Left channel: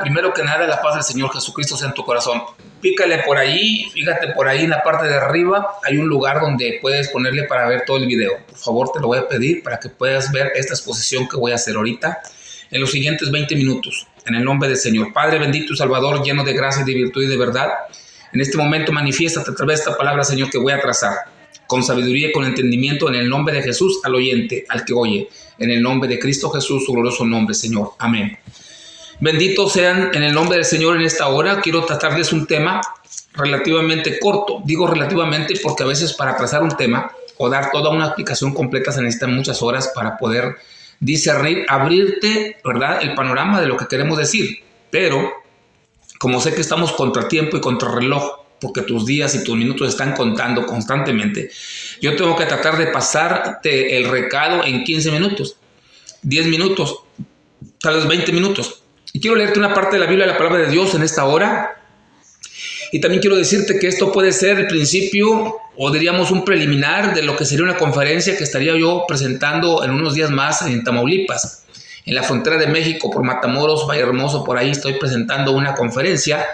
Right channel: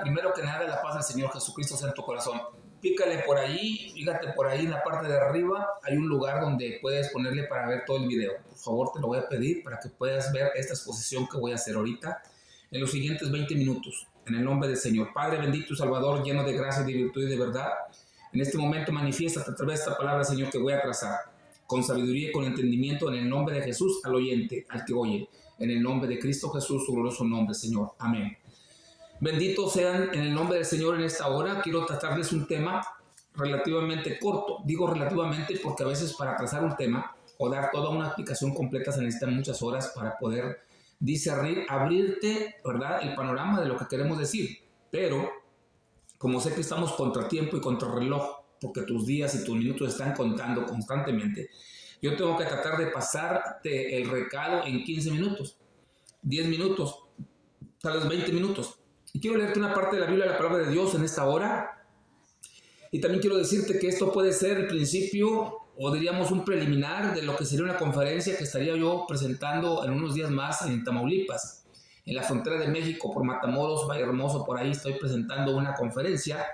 Primero que nada, la paz del Señor Jesucristo sea en tu corazón. Pícale por ahí, fíjate por ahí en la parte de arriba, hay un lugar donde puedes ponerle para ver todo el video. Por favor, te lo voy a pedir para que puedas ver esta exposición que voy a hacer ahorita en los siguientes 20 minutos. En el nombre del Señor. Padre bendito y Salvador, lleno de gracia y de virtud y de verdad, en este momento manifiéstate a través de esta palabra, Señor, que voy a trazar. Con sabiduría y con entendimiento, en el nombre de Jesús, al oyente, al que oye. En el nombre de Cristo Jesús, su glorioso nombre, Señor. Amén. Benditos sean en el nombre del Señor en esta hora. Quiero tratarles un tema relativamente corto. Digo relativamente porque a veces para trazar un tema o dar toda una explicación completa se necesitan muchas horas para poder discernir, abrirte, ¿verdad?, el panorama de lo que queremos decir. Pero como sé que estamos contra tiempo y contra reloj, porque tus días y tus minutos están contando constantemente, yo tengo que tratar de pasarte el recado en 15 minutos, 10 minutos, tal vez 20 minutos. Y quiero leerte una parte de la Biblia, la palabra de Dios en esta hora. Y también quiero decirte que esto puede ser el principio, o diríamos un preliminar, de lo que sería una conferencia que estaría yo presentando en unos días más en Tamaulipas, en la frontera de México, por Matamoros, Valle Hermoso. Por ahí estoy presentando una conferencia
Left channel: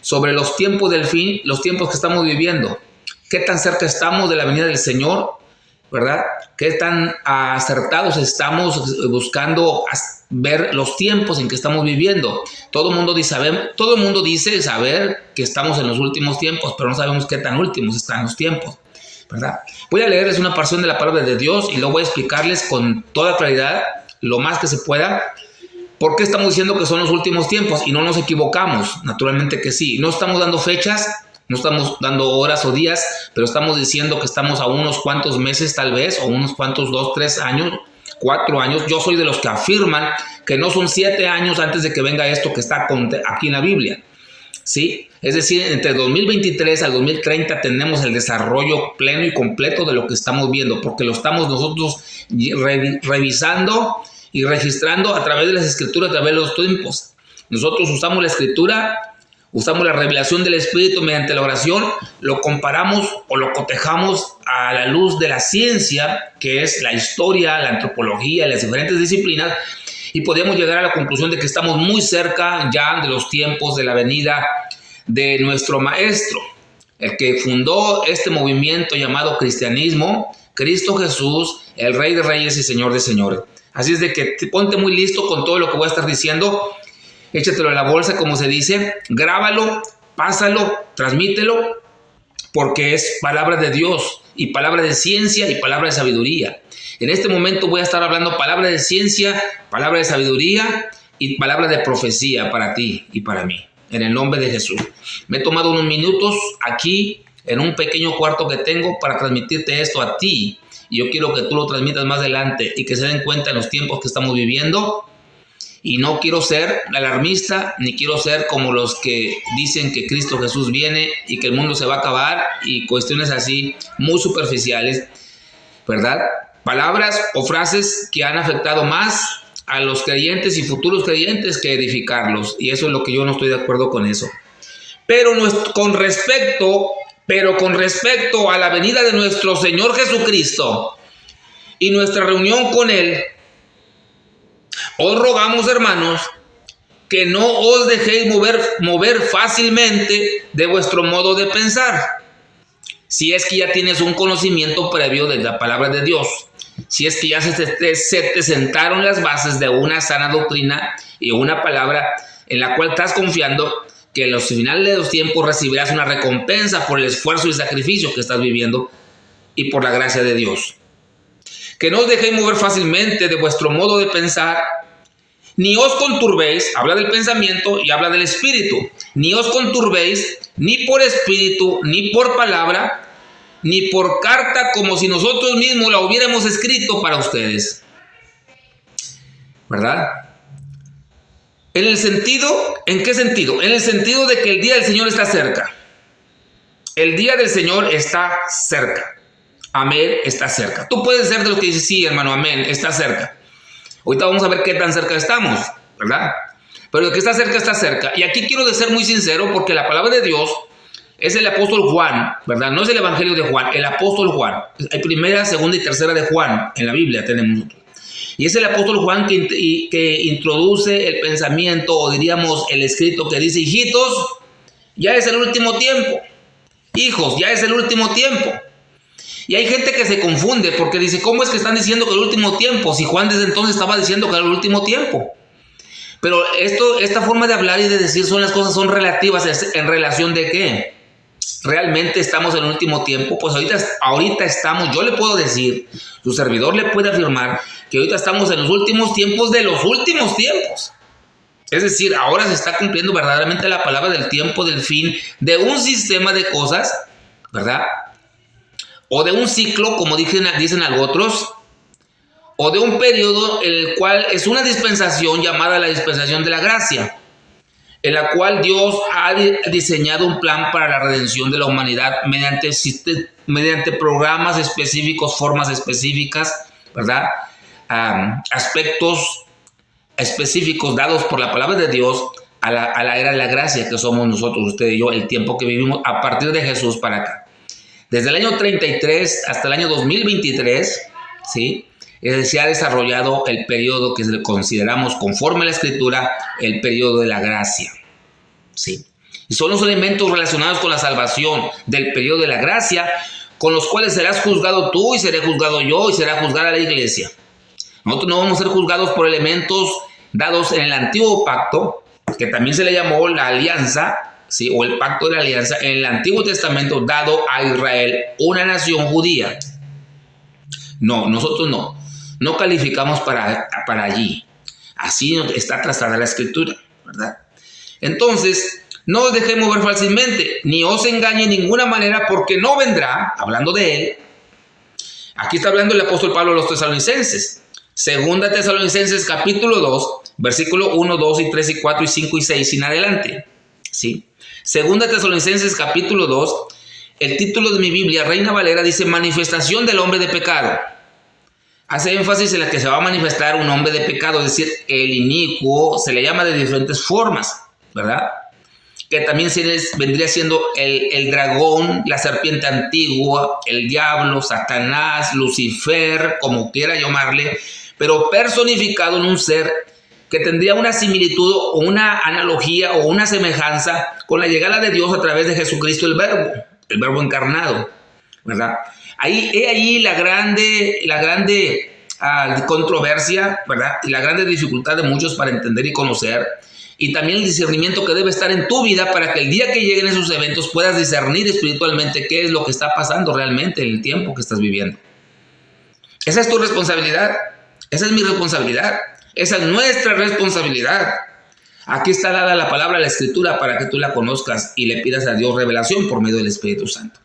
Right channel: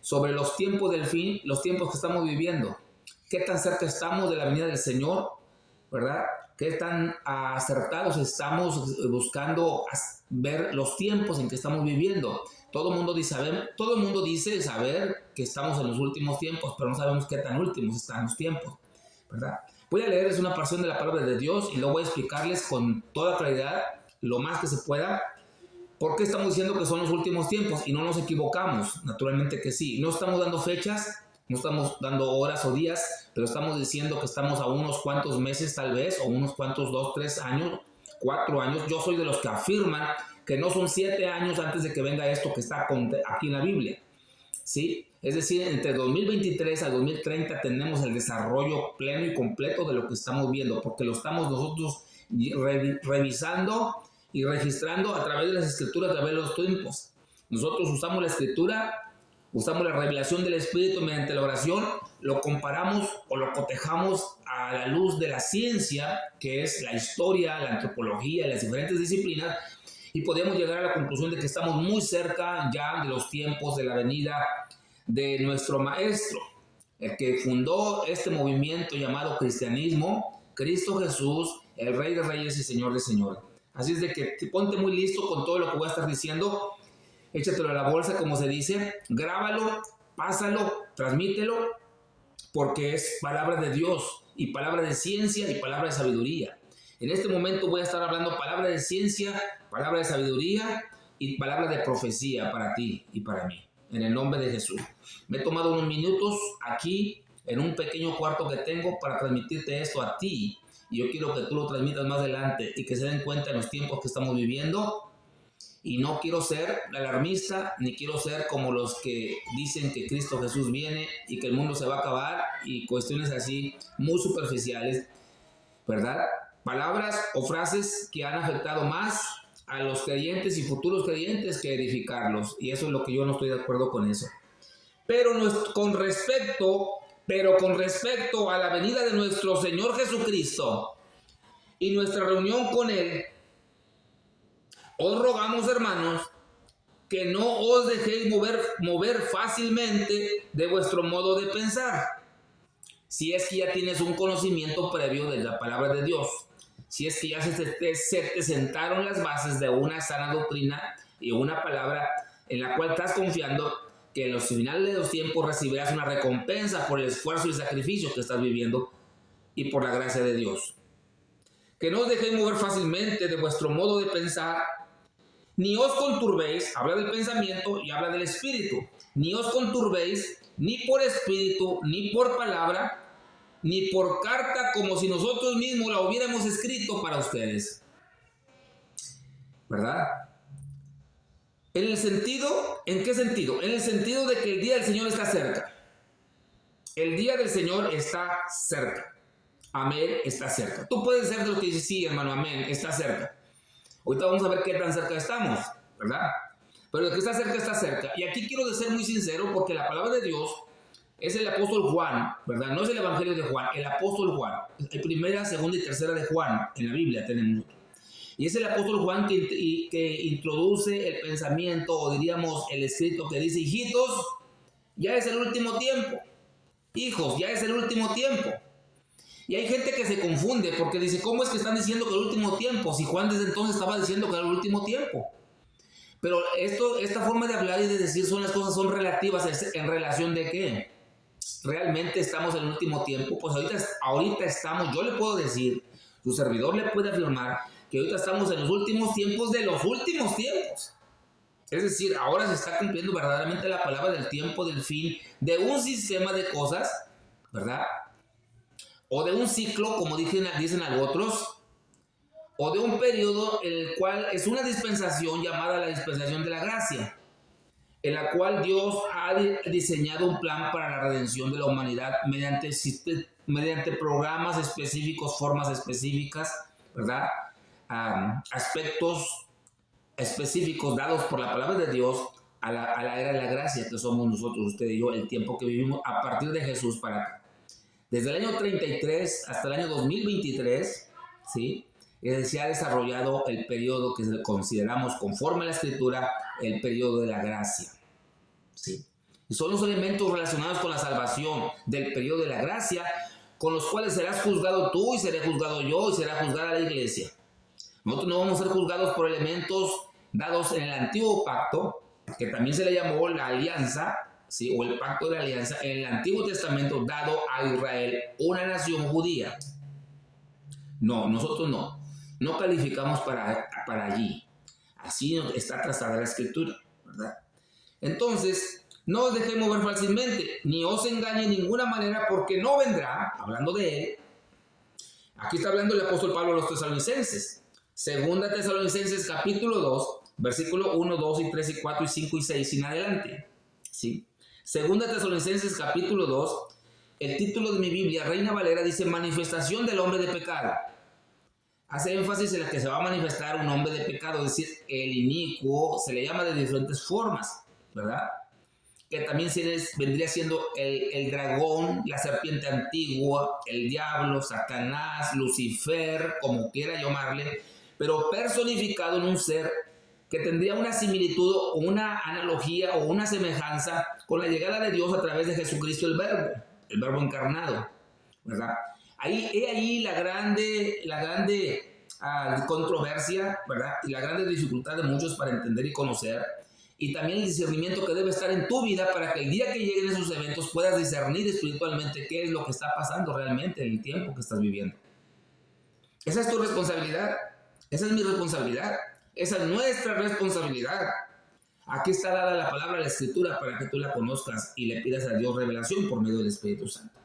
sobre los tiempos del fin, los tiempos que estamos viviendo. ¿Qué tan cerca estamos de la venida del Señor? ¿Verdad? ¿Qué tan acertados estamos buscando ver los tiempos en que estamos viviendo? Todo el mundo dice saber que estamos en los últimos tiempos, pero no sabemos qué tan últimos están los tiempos, ¿verdad? Voy a leerles una porción de la palabra de Dios y luego voy a explicarles con toda claridad, lo más que se pueda, por qué estamos diciendo que son los últimos tiempos y no nos equivocamos. Naturalmente que sí. No estamos dando fechas, no estamos dando horas o días, pero estamos diciendo que estamos a unos cuantos meses tal vez, o unos cuantos 2, 3 años, 4 años. Yo soy de los que afirman que no son 7 años antes de que venga esto que está aquí en la Biblia, ¿sí? Es decir, entre 2023 al 2030 tenemos el desarrollo pleno y completo de lo que estamos viendo, porque lo estamos nosotros revisando y registrando a través de las escrituras, a través de los tiempos. Nosotros usamos la escritura, usamos la revelación del Espíritu mediante la oración, lo comparamos o lo cotejamos a la luz de la ciencia, que es la historia, la antropología, las diferentes disciplinas, y podemos llegar a la conclusión de que estamos muy cerca ya de los tiempos de la venida de nuestro Maestro, el que fundó este movimiento llamado cristianismo, Cristo Jesús, el Rey de Reyes y Señor de Señores. Así es de que ponte muy listo con todo lo que voy a estar diciendo. Échatelo en la bolsa, como se dice, grábalo, pásalo, transmítelo, porque es palabra de Dios y palabra de ciencia y palabra de sabiduría. En este momento voy a estar hablando palabra de ciencia, palabra de sabiduría y palabra de profecía para ti y para mí, en el nombre de Jesús. Me he tomado unos minutos aquí en un pequeño cuarto que tengo para transmitirte esto a ti, y yo quiero que tú lo transmitas más adelante y que se den cuenta en los tiempos que estamos viviendo. Y no quiero ser alarmista, ni quiero ser como los que dicen que Cristo Jesús viene y que el mundo se va a acabar y cuestiones así muy superficiales, ¿verdad? Palabras o frases que han afectado más a los creyentes y futuros creyentes que edificarlos. Y eso es lo que yo no estoy de acuerdo con eso. Pero con respecto a la venida de nuestro Señor Jesucristo y nuestra reunión con Él, os rogamos, hermanos, que no os dejéis mover fácilmente de vuestro modo de pensar. Si es que ya tienes un conocimiento previo de la palabra de Dios, si es que ya se te sentaron las bases de una sana doctrina y una palabra en la cual estás confiando que en los finales de los tiempos recibirás una recompensa por el esfuerzo y sacrificio que estás viviendo y por la gracia de Dios. Que no os dejéis mover fácilmente de vuestro modo de pensar, ni os conturbéis, habla del pensamiento y habla del espíritu, ni os conturbéis ni por espíritu, ni por palabra, ni por carta, como si nosotros mismos la hubiéramos escrito para ustedes. ¿Verdad? ¿En qué sentido? En el sentido de que el día del Señor está cerca. El día del Señor está cerca. Amén, está cerca. Tú puedes ser de los que dices, sí, hermano, amén, está cerca. Ahorita vamos a ver qué tan cerca estamos, ¿verdad? Pero el que está cerca, está cerca. Y aquí quiero ser muy sincero, porque la palabra de Dios es el apóstol Juan, ¿verdad? No es el evangelio de Juan, el apóstol Juan. Hay primera, segunda y tercera de Juan en la Biblia tenemos nosotros. Y es el apóstol Juan que introduce el pensamiento, o diríamos el escrito que dice: hijitos, ya es el último tiempo. Hijos, ya es el último tiempo. Y hay gente que se confunde porque dice: ¿cómo es que están diciendo que el último tiempo? Si Juan desde entonces estaba diciendo que era el último tiempo. Pero esta forma de hablar y de decir las cosas son relativas. ¿En relación de qué? ¿Realmente estamos en el último tiempo? Pues ahorita estamos, yo le puedo decir, su servidor le puede afirmar que ahorita estamos en los últimos tiempos de los últimos tiempos. Es decir, ahora se está cumpliendo verdaderamente la palabra del tiempo, del fin, de un sistema de cosas, ¿verdad? O de un ciclo, como dicen otros, o de un periodo en el cual es una dispensación llamada la dispensación de la gracia, en la cual Dios ha diseñado un plan para la redención de la humanidad mediante programas específicos, formas específicas, ¿verdad? Aspectos específicos dados por la palabra de Dios a la era de la gracia que somos nosotros, usted y yo, el tiempo que vivimos a partir de Jesús para acá. Desde el año 33 hasta el año 2023, ¿sí? Se ha desarrollado el periodo que consideramos, conforme a la Escritura, el periodo de la gracia, ¿sí? Y son los elementos relacionados con la salvación del periodo de la gracia, con los cuales serás juzgado tú y seré juzgado yo y será juzgada la iglesia. Nosotros no vamos a ser juzgados por elementos dados en el antiguo pacto, que también se le llamó la alianza, ¿sí? O el pacto de la alianza, en el Antiguo Testamento dado a Israel, una nación judía. No, nosotros no calificamos para allí. Así está trazada la Escritura, ¿verdad? Entonces, no os dejemos ver fácilmente, ni os engañe en ninguna manera, porque no vendrá, hablando de él. Aquí está hablando el apóstol Pablo a los tesalonicenses. Segunda Tesalonicenses capítulo 2, versículo 1, 2 y 3 y 4 y 5 y 6 en adelante, ¿sí? Segunda Tesalonicenses capítulo 2, el título de mi Biblia, Reina Valera, dice: manifestación del hombre de pecado. Hace énfasis en la que se va a manifestar un hombre de pecado, es decir, el inicuo, se le llama de diferentes formas, ¿verdad? Que también vendría siendo el dragón, la serpiente antigua, el diablo, Satanás, Lucifer, como quiera llamarle, pero personificado en un ser que tendría una similitud o una analogía o una semejanza con la llegada de Dios a través de Jesucristo el verbo encarnado, ¿verdad? Ahí la grande controversia, ¿verdad? Y la grande dificultad de muchos para entender y conocer, y también el discernimiento que debe estar en tu vida para que el día que lleguen esos eventos puedas discernir espiritualmente qué es lo que está pasando realmente en el tiempo que estás viviendo. Esa es tu responsabilidad, esa es mi responsabilidad, esa es nuestra responsabilidad. Aquí está dada la palabra, la Escritura, para que tú la conozcas y le pidas a Dios revelación por medio del Espíritu Santo.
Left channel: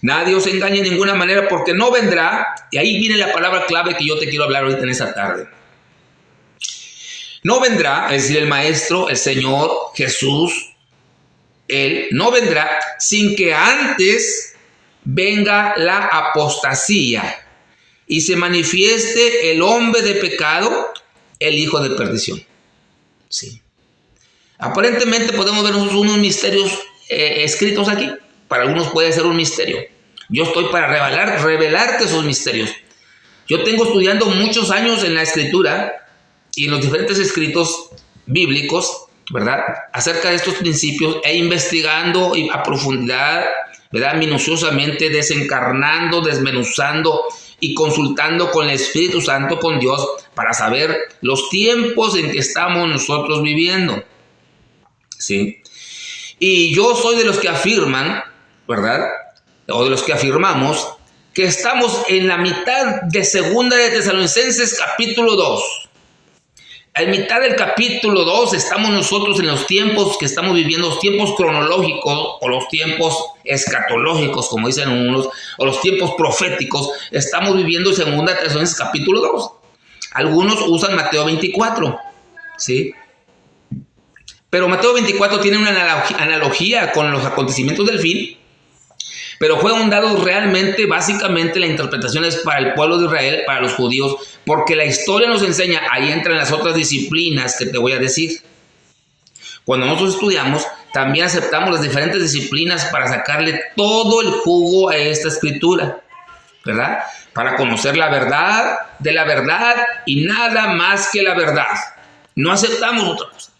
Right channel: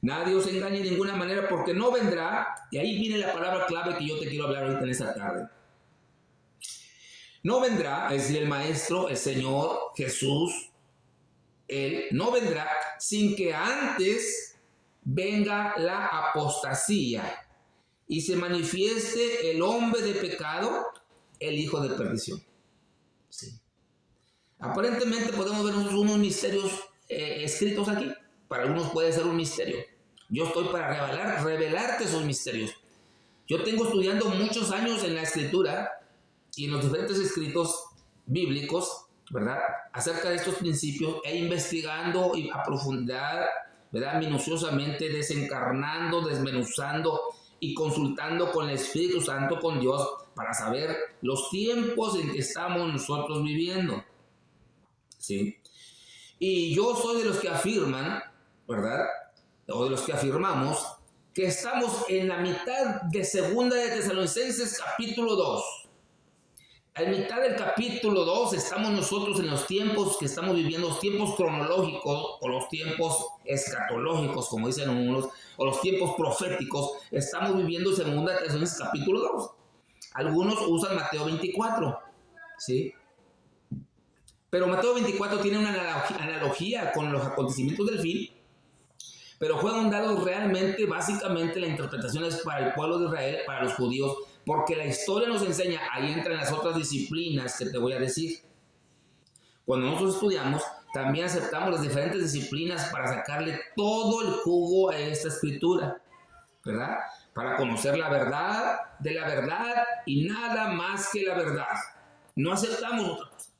Nadie os engañe de ninguna manera, porque no vendrá, y ahí viene la palabra clave que yo te quiero hablar ahorita en esta tarde. No vendrá, es decir, el Maestro, el Señor, Jesús, Él no vendrá sin que antes venga la apostasía y se manifieste el hombre de pecado, el hijo de perdición. Sí. Aparentemente podemos ver unos misterios escritos aquí. Para algunos puede ser un misterio. Yo estoy para revelarte esos misterios. Yo tengo estudiando muchos años en la Escritura y en los diferentes escritos bíblicos, ¿verdad?, acerca de estos principios, e investigando a profundidad, ¿verdad?, minuciosamente, desencarnando, desmenuzando y consultando con el Espíritu Santo, con Dios, para saber los tiempos en que estamos nosotros viviendo, ¿sí? Y yo soy de los que afirman, ¿verdad?, o de los que afirmamos que estamos en la mitad de Segunda de Tesalonicenses capítulo 2. En mitad del capítulo 2 estamos nosotros en los tiempos que estamos viviendo, los tiempos cronológicos o los tiempos escatológicos, como dicen unos, o los tiempos proféticos. Estamos viviendo Segunda Tesalonicenses capítulo 2. Algunos usan Mateo 24, ¿sí? Pero Mateo 24 tiene una analogía con los acontecimientos del fin, pero fueron dados realmente, básicamente la interpretación es para el pueblo de Israel, para los judíos, porque la historia nos enseña, ahí entran las otras disciplinas que te voy a decir. Cuando nosotros estudiamos, también aceptamos las diferentes disciplinas para sacarle todo el jugo a esta escritura, ¿verdad? para conocer la verdad de la verdad y nada más que la verdad. No aceptamos otra cosa.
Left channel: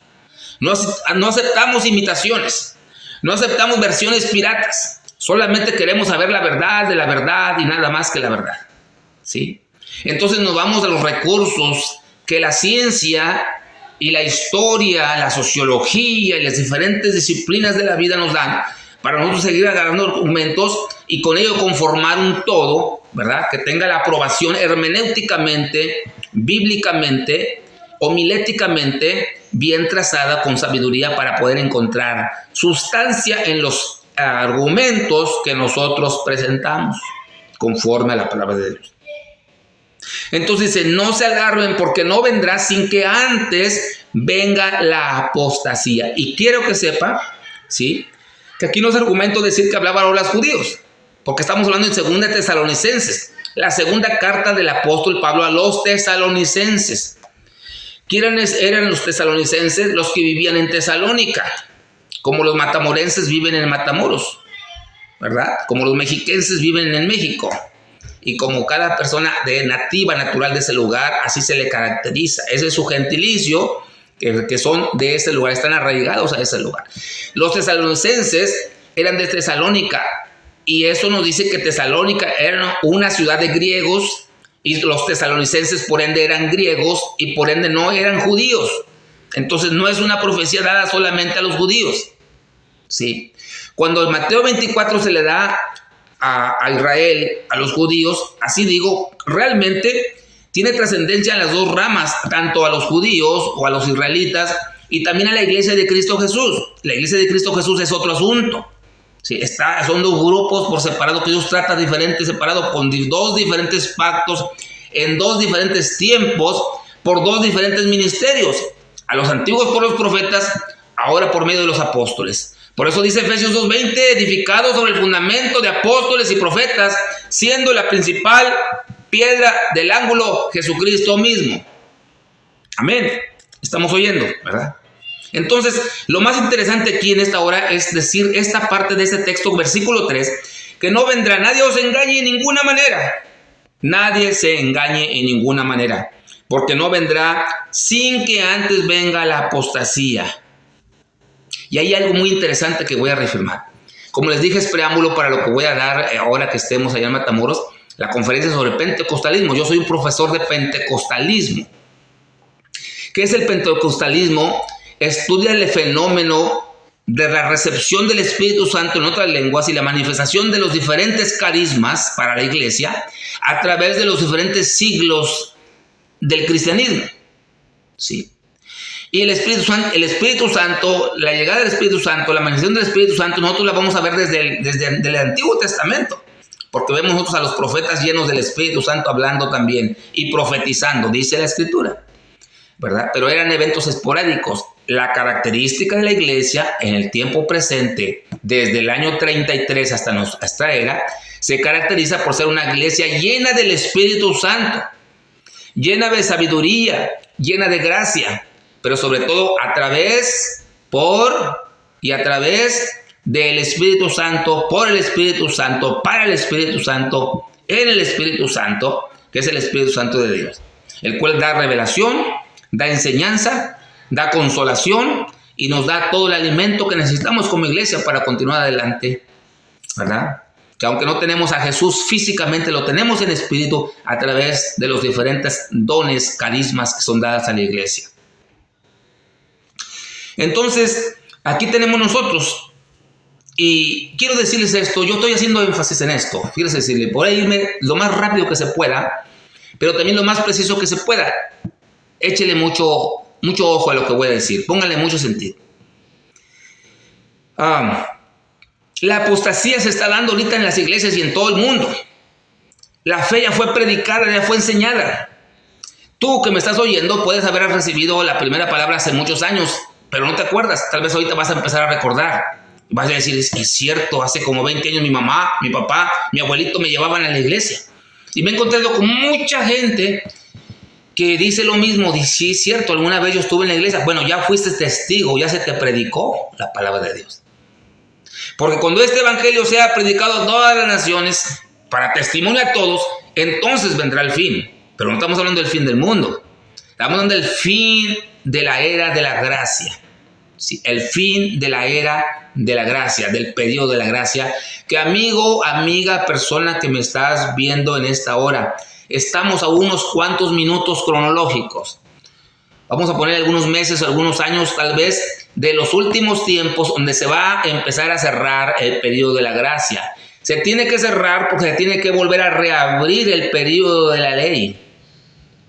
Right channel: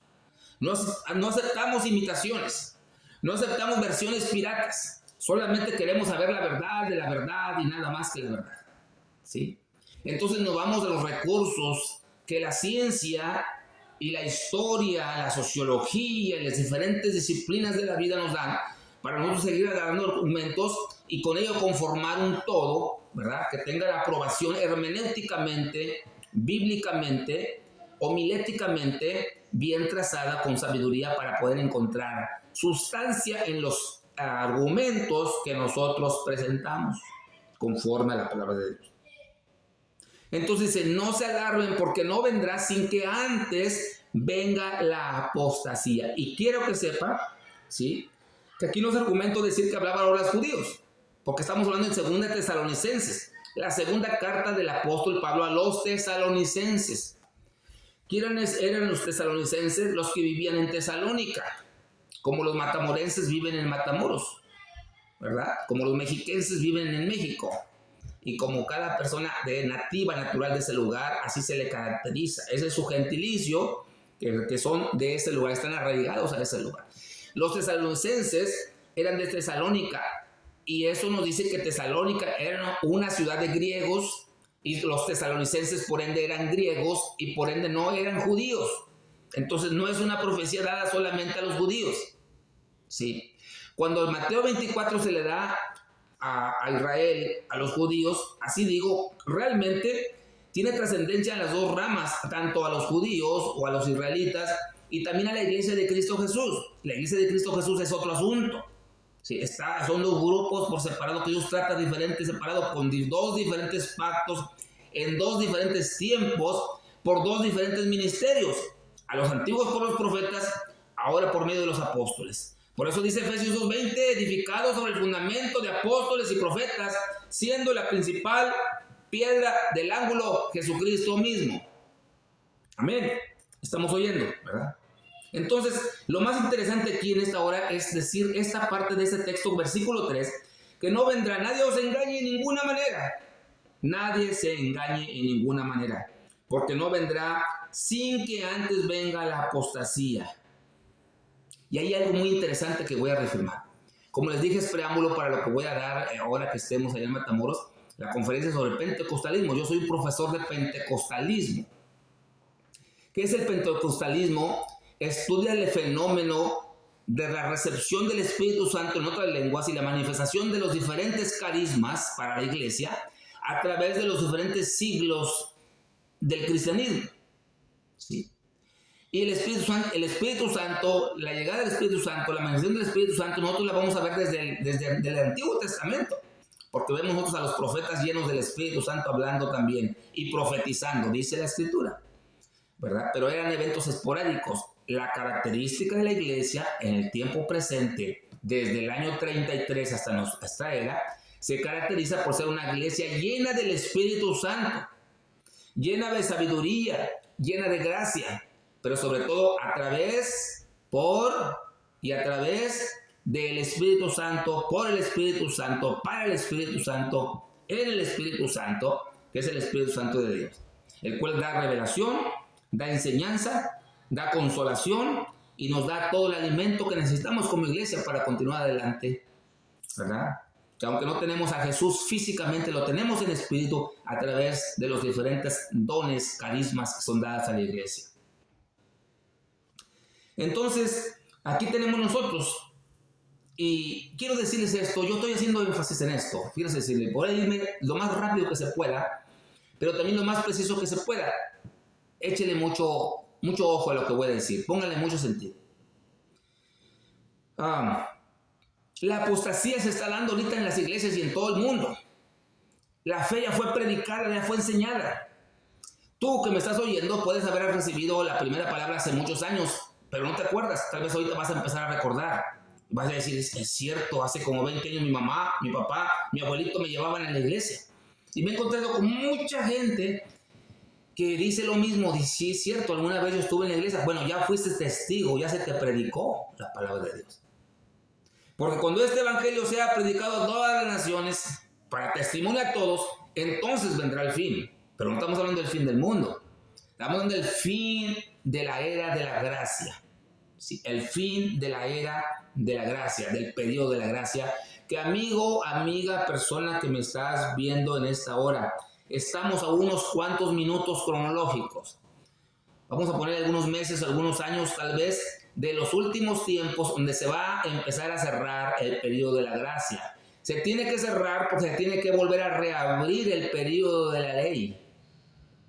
No aceptamos imitaciones. No aceptamos versiones piratas. Solamente queremos saber la verdad de la verdad y nada más que la verdad. ¿Sí? Entonces nos vamos a los recursos que la ciencia y la historia, la sociología y las diferentes disciplinas de la vida nos dan para nosotros seguir agarrando documentos y con ello conformar un todo, ¿verdad? Que tenga la aprobación hermenéuticamente, bíblicamente, homiléticamente bien trazada con sabiduría para poder encontrar sustancia en los argumentos que nosotros presentamos conforme a la palabra de Dios. Entonces dice, no se agarren porque no vendrá sin que antes venga la apostasía. Y quiero que sepa, ¿sí?, que aquí no es argumento decir que hablaba ahora los judíos, porque estamos hablando en 2 Tesalonicenses, la segunda carta del apóstol Pablo a los tesalonicenses. ¿Quiénes eran los tesalonicenses? Los que vivían en Tesalónica, como los matamorenses viven en Matamoros, ¿verdad? Como los mexiquenses viven en México. Y como cada persona nativa, natural de ese lugar, así se le caracteriza. Ese es su gentilicio, que son de ese lugar, están arraigados a ese lugar. Los tesalonicenses eran de Tesalónica, y eso nos dice que Tesalónica era una ciudad de griegos, y los tesalonicenses por ende eran griegos, y por ende no eran judíos. Entonces no es una profecía dada solamente a los judíos. ¿Sí? Cuando en Mateo 24 se le da a Israel, a los judíos, así digo, realmente tiene trascendencia en las dos ramas, tanto a los judíos o a los israelitas y también a la iglesia de Cristo Jesús. La iglesia de Cristo Jesús es otro asunto. Sí, son dos grupos por separado que Dios trata diferente, separado con dos diferentes pactos, en dos diferentes tiempos, por dos diferentes ministerios. A los antiguos por los profetas, ahora por medio de los apóstoles. Por eso dice Efesios 2:20, edificado sobre el fundamento de apóstoles y profetas, siendo la principal piedra del ángulo Jesucristo mismo. Amén. Estamos oyendo, ¿verdad? Entonces, lo más interesante aquí en esta hora es decir esta parte de este texto, versículo 3, que no vendrá, nadie os engañe en ninguna manera. Nadie se engañe en ninguna manera, porque no vendrá sin que antes venga la apostasía. Y hay algo muy interesante que voy a reafirmar. Como les dije, es preámbulo para lo que voy a dar ahora que estemos allá en Matamoros, la conferencia sobre pentecostalismo. Yo soy un profesor de pentecostalismo. ¿Qué es el pentecostalismo? Estudia el fenómeno de la recepción del Espíritu Santo en otras lenguas y la manifestación de los diferentes carismas para la iglesia a través de los diferentes siglos del cristianismo. ¿Sí? Y el Espíritu Santo, la llegada del Espíritu Santo, la manifestación del Espíritu Santo, nosotros la vamos a ver desde el Antiguo Testamento, porque vemos nosotros a los profetas llenos del Espíritu Santo hablando también y profetizando, dice la Escritura, ¿verdad? Pero eran eventos esporádicos. La característica de la iglesia en el tiempo presente, desde el año 33 hasta nuestra era, se caracteriza por ser una iglesia llena del Espíritu Santo, llena de sabiduría, llena de gracia, pero sobre todo a través del Espíritu Santo, por el Espíritu Santo, para el Espíritu Santo, en el Espíritu Santo, que es el Espíritu Santo de Dios, el cual da revelación, da enseñanza, da consolación y nos da todo el alimento que necesitamos como iglesia para continuar adelante, ¿verdad? Que aunque no tenemos a Jesús físicamente, lo tenemos en espíritu a través de los diferentes dones, carismas que son dadas a la iglesia. Entonces, aquí tenemos nosotros, y quiero decirles esto, yo estoy haciendo énfasis en esto, quiero decirle, por ahí irme lo más rápido que se pueda, pero también lo más preciso que se pueda. Échele mucho ojo a lo que voy a decir, póngale mucho sentido. La apostasía se está dando ahorita en las iglesias y en todo el mundo. La fe ya fue predicada, ya fue enseñada. Tú que me estás oyendo puedes haber recibido la primera palabra hace muchos años, pero no te acuerdas. Tal vez ahorita vas a empezar a recordar. Vas a decir, es cierto, hace como 20 años mi mamá, mi papá, mi abuelito me llevaban a la iglesia. Y me he encontrado con mucha gente que dice lo mismo. Dice, sí, es cierto, alguna vez yo estuve en la iglesia. Bueno, ya fuiste testigo, ya se te predicó la palabra de Dios. Porque cuando este evangelio sea predicado a todas las naciones, para testimonio a todos, entonces vendrá el fin. Pero no estamos hablando del fin del mundo. Estamos hablando del fin de la era de la gracia. Sí, el fin de la era de la gracia, del periodo de la gracia. Que amigo, amiga, persona que me estás viendo en esta hora, estamos a unos cuantos minutos cronológicos. Vamos a poner algunos meses, algunos años tal vez, de los últimos tiempos donde se va a empezar a cerrar el periodo de la gracia. Se tiene que cerrar porque se tiene que volver a reabrir el periodo de la ley.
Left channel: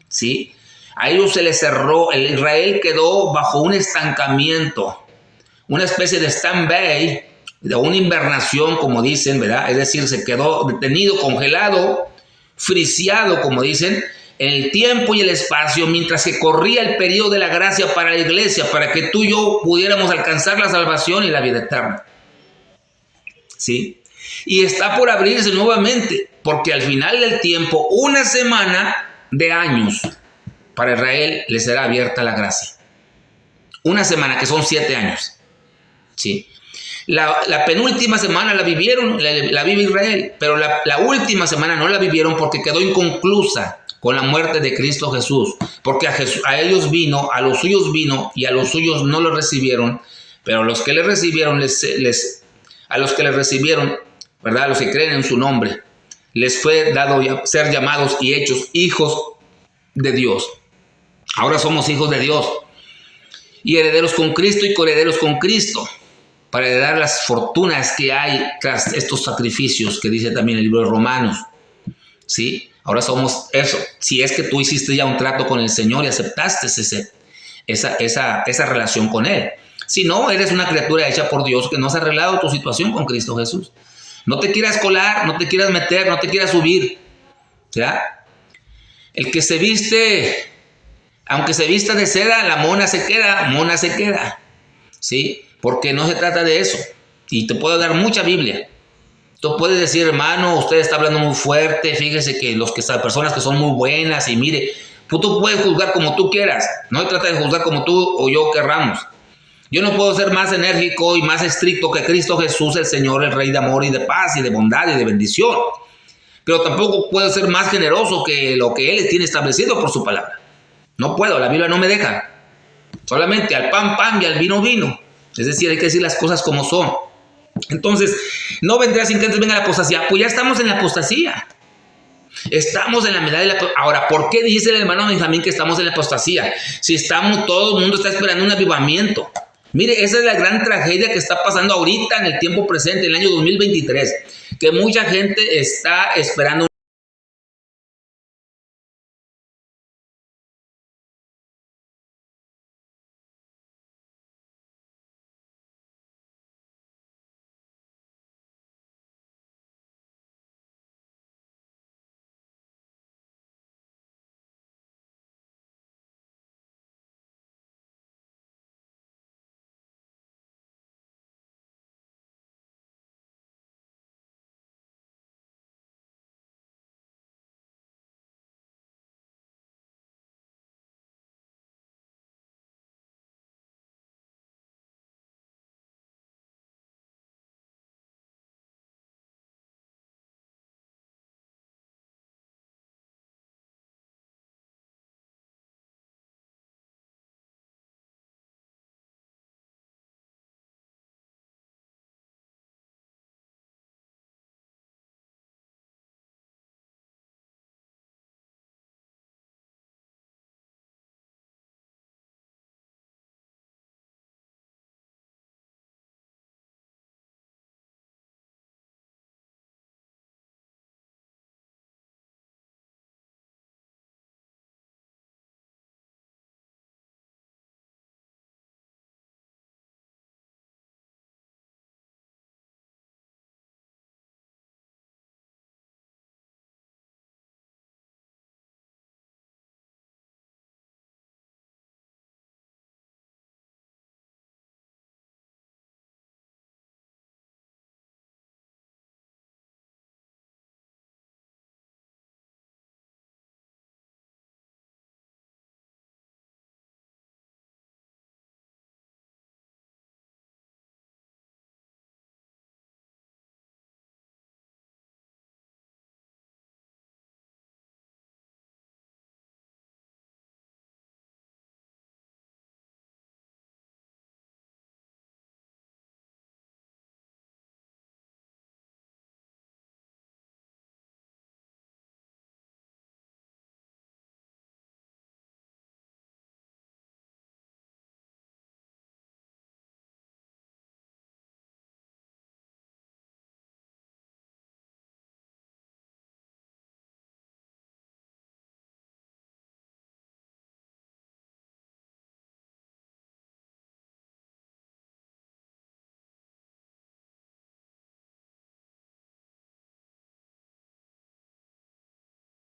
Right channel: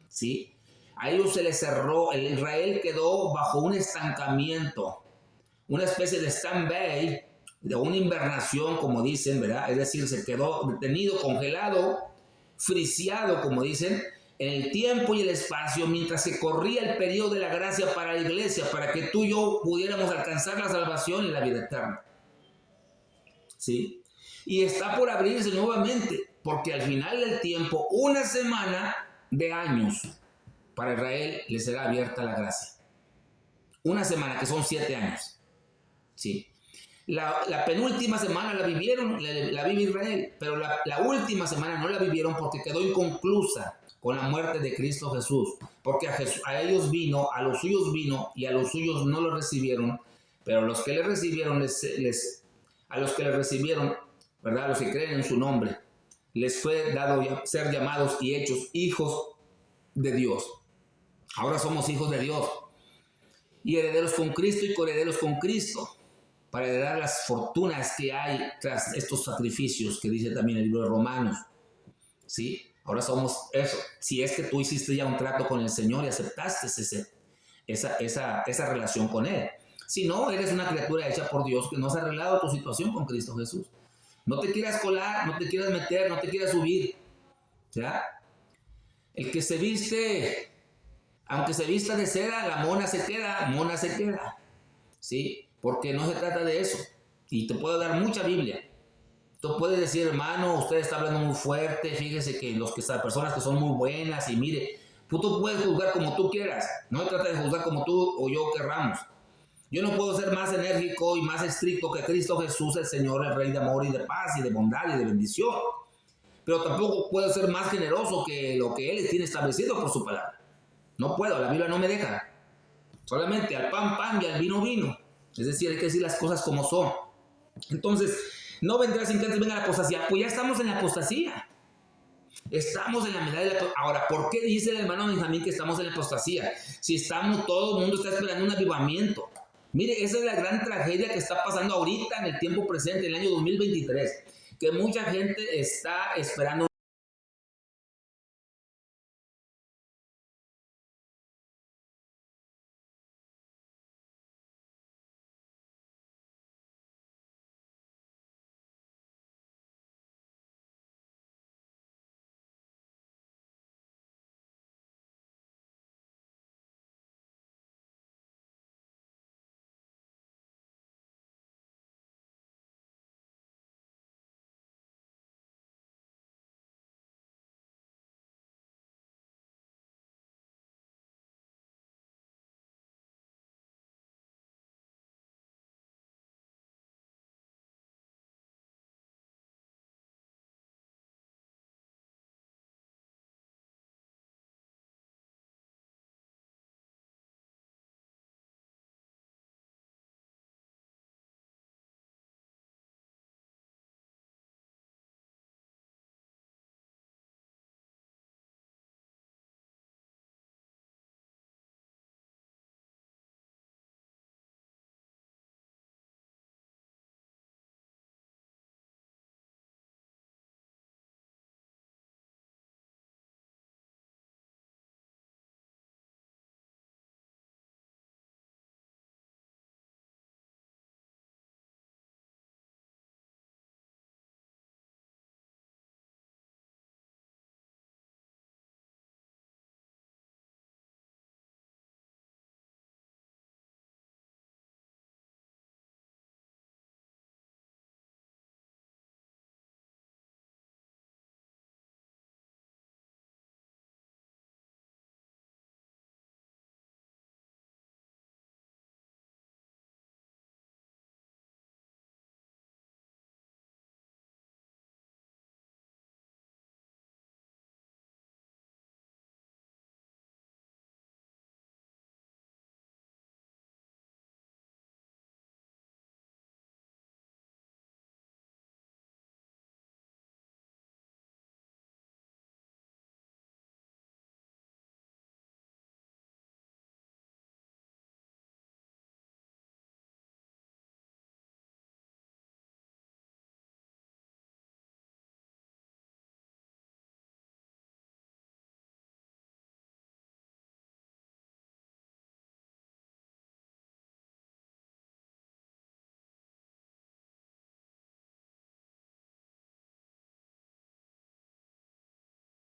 ¿Sí? A ellos se les cerró, el Israel quedó bajo un estancamiento, una especie de stand-by, de una invernación, como dicen, ¿verdad? Es decir, se quedó detenido, congelado, friseado, como dicen, en el tiempo y el espacio, mientras que corría el periodo de la gracia para la iglesia, para que tú y yo pudiéramos alcanzar la salvación y la vida eterna. ¿Sí? Y está por abrirse nuevamente, porque al final del tiempo, una semana de años, para Israel le será abierta la gracia. Una semana, que son 7 años. ¿Sí? La penúltima semana la vivieron, la vive Israel, pero la última semana no la vivieron porque quedó inconclusa con la muerte de Cristo Jesús, porque a ellos vino, a los suyos vino y a los suyos no lo recibieron, pero a los que le recibieron, a los que le recibieron, ¿verdad? A los que creen en su nombre, les fue dado ser llamados y hechos hijos de Dios. Ahora somos hijos de Dios y herederos con Cristo y coherederos con Cristo, para heredar las fortunas que hay tras estos sacrificios que dice también el libro de Romanos. ¿Sí? Ahora somos eso. Si es que tú hiciste ya un trato con el Señor y aceptaste esa relación con Él. Si no, eres una criatura hecha por Dios que no has arreglado tu situación con Cristo Jesús. No te quieras colar, no te quieras meter, no te quieras subir. ¿Ya? El que se viste, aunque se vista de seda, la mona se queda. ¿Sí? Porque no se trata de eso. Y te puedo dar mucha Biblia. Tú puedes decir, hermano, usted está hablando muy fuerte, fíjese que las personas que son muy buenas y mire, tú puedes juzgar como tú quieras. No se trata de juzgar como tú o yo querramos. Yo no puedo ser más enérgico y más estricto que Cristo Jesús, el Señor, el Rey de amor y de paz y de bondad y de bendición. Pero tampoco puedo ser más generoso que lo que Él tiene establecido por su palabra. No puedo, la Biblia no me deja. Solamente al pan, pan y al vino, vino. Es decir, hay que decir las cosas como son. Entonces, no vendrá sin que antes venga la apostasía. Pues ya estamos en la apostasía. Estamos en la mitad de la... Ahora, ¿por qué dice el hermano Benjamín que estamos en la apostasía? Si todo el mundo está esperando un avivamiento. Mire, esa es la gran tragedia que está pasando ahorita en el tiempo presente, en el año 2023. Que mucha gente está esperando